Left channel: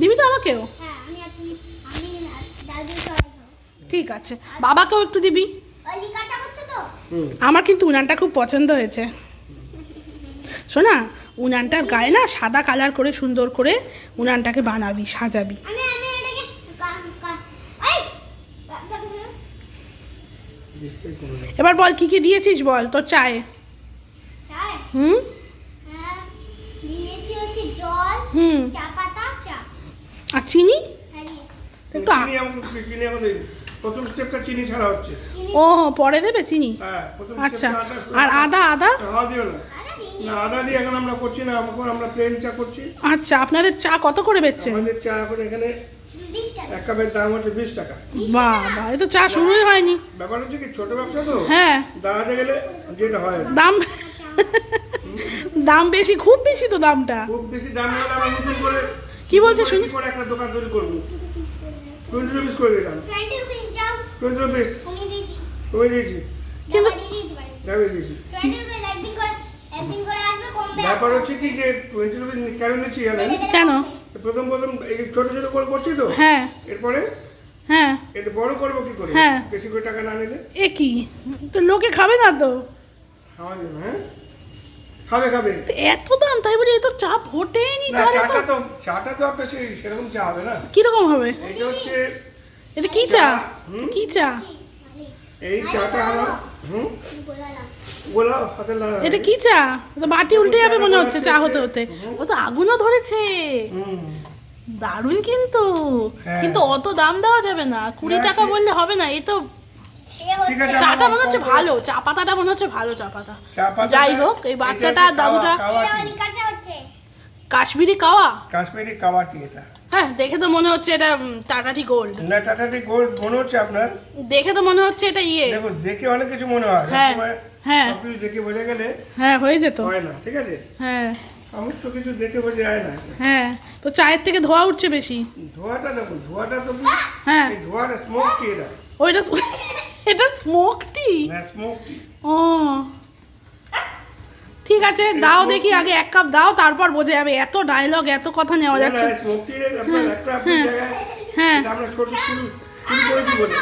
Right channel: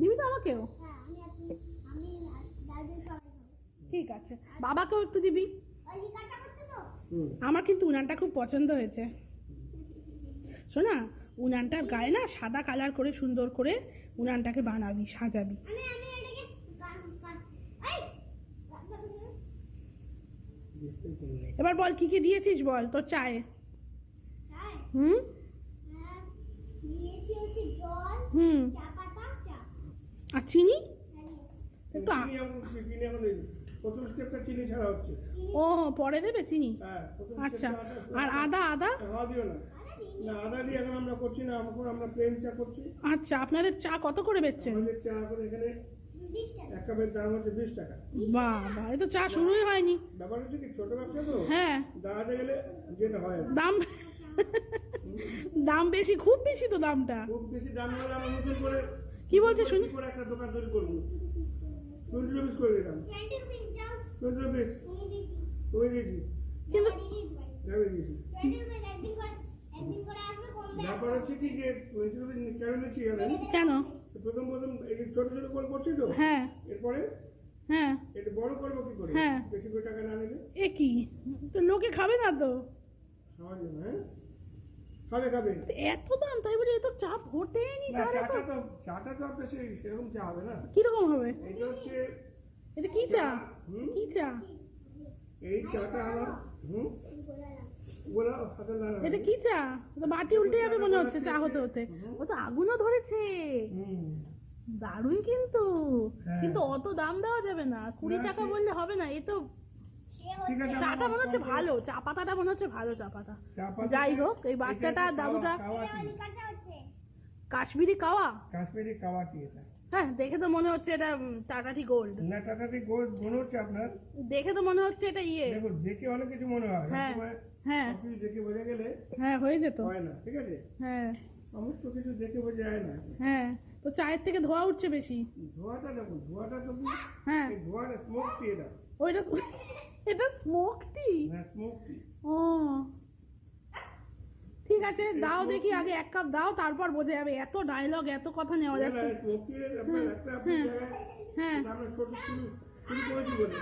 দিবি তো আমাকেও? ঠিক আছে, বাবাকেও একটু দিবি। আমার কিন্তু উনানটা খুব পছন্দ হয়েছে। শোনা, উনানটার গায়ে না সাদা কালার করে সুন্দর করে উনানটাকে বানাবি, সাজাবি। এবার বল কি কি দিয়েছিস বল তোর চায়ে। হুম হুম আর চিনি একটু প্রথম স্টেপটা চিনি ছাড়া হচ্ছে। ও পরে দেবে চিনি? হ্যাঁ, আচ্ছা, আর আদা? আদা দিও না, না আদা দিয়ে এখন আমরা করছি না, আমরা প্লেন চা করছি। আচ্ছা, আপনাদের চা কত করে বেচছেন? আমাদের চা এখন এখানে 1 কাপের দাম হচ্ছে 20 টাকা। বাবা, এ তো চা শুরুই হয়নি। ব্যাপার হচ্ছে কি, ছোট ব্যবসা তো, হ্যাঁ দাঁড়াতে গেলে যেটা হয় দাম দাম বেশি, খুব বেশি তো দামটা। খুব বেশি দাম হলে আমরা নতুন করে কি বলছে শুনি? করে একটা দোকান তৈরি করবো, 20 রুপিস করে দিলাম। 20 রুপিস তুমি দিয়েছি, কিন্তু যাবে দিয়েছি। ব্যাপার হচ্ছে কি যে 20 রুপিস কেন নিচ্ছি জানেন? কেন? প্রথম এই ছোট ছোট করে করছি তো, হ্যাঁ এরপরে হ্যাঁ এটা বড় করবো কি করে, হ্যাঁ। বেশি করে টাকা না নিলে। এ কি, তো লোকে খাবে না তো? খাওয়া যাবে, হ্যাঁ খাবে খাবে। তো এত দাম, তাই বলি এ তো চা ফোটেনি। না, চাটা তো আপনার সেরকম চা হবে না। কিরকম হবে? এটা হচ্ছে, এটা কি চা? কি চা? এই চাটা আমার গোলা হাতে লাগা। এটা কি চা? তো বাটি উল্টে যাবে মনে হচ্ছে চা হতে হতে। ও তো আগুনও ধরেছে। দারুণ কিন্তু, হ্যাঁ। কিন্তু অত দাম দেওয়া যাবে না, 20 টাকা বললে হবে না। এই তো ঠিক আছে, চাটা মনে হচ্ছে ভালো, চা পাতাটা মনে হচ্ছে ভালো চা পাতা। চা পাতাটা- যাই হোক, এই বাচ্চাটা দাদুটা কাশ্মীরি কাশ্মীরি কাওয়া টি এটা। হ্যাঁ, দেখে তো মনে হচ্ছে এটা টাটা টি গোল্ড। না, টাটা টি গোল্ড মনে হচ্ছে আপনার, দেখে তো মনে হচ্ছে এটা ইয়ে। দেখো দেখে অনেক কিছু মনে হয়, হ্যাঁ, হ্যাঁ। সব কিছু দেখে বোঝা গেলে হ্যাঁ, হয়ে যেত। হয় না, ঠিক আছে? হ্যাঁ সমস্ত কিছু দেখে বোঝা যায় না। হ্যাঁ, তো চায়ের থেকে ধোয়া উঠছে বেশি। ধোঁয়াটা দেখুন, ধোঁয়াটা তো হ্যাঁ, এই ধোঁয়াটা স্মোক টি এটা। ওইটা এটা স্মোক টি। হ্যাঁ, স্মোক টি। ও ঠিক আছে, দাও দেখি, আগে 1 কাপ দাও, তারপর বোঝা যাবে। এত ডায়লগ, এত কথা নেওয়া যাচ্ছে। স্মোক টি আপনার একটা আপনি জায়গায় হ্যাঁ এটা আমরা ছোট শুরু করেছি বলে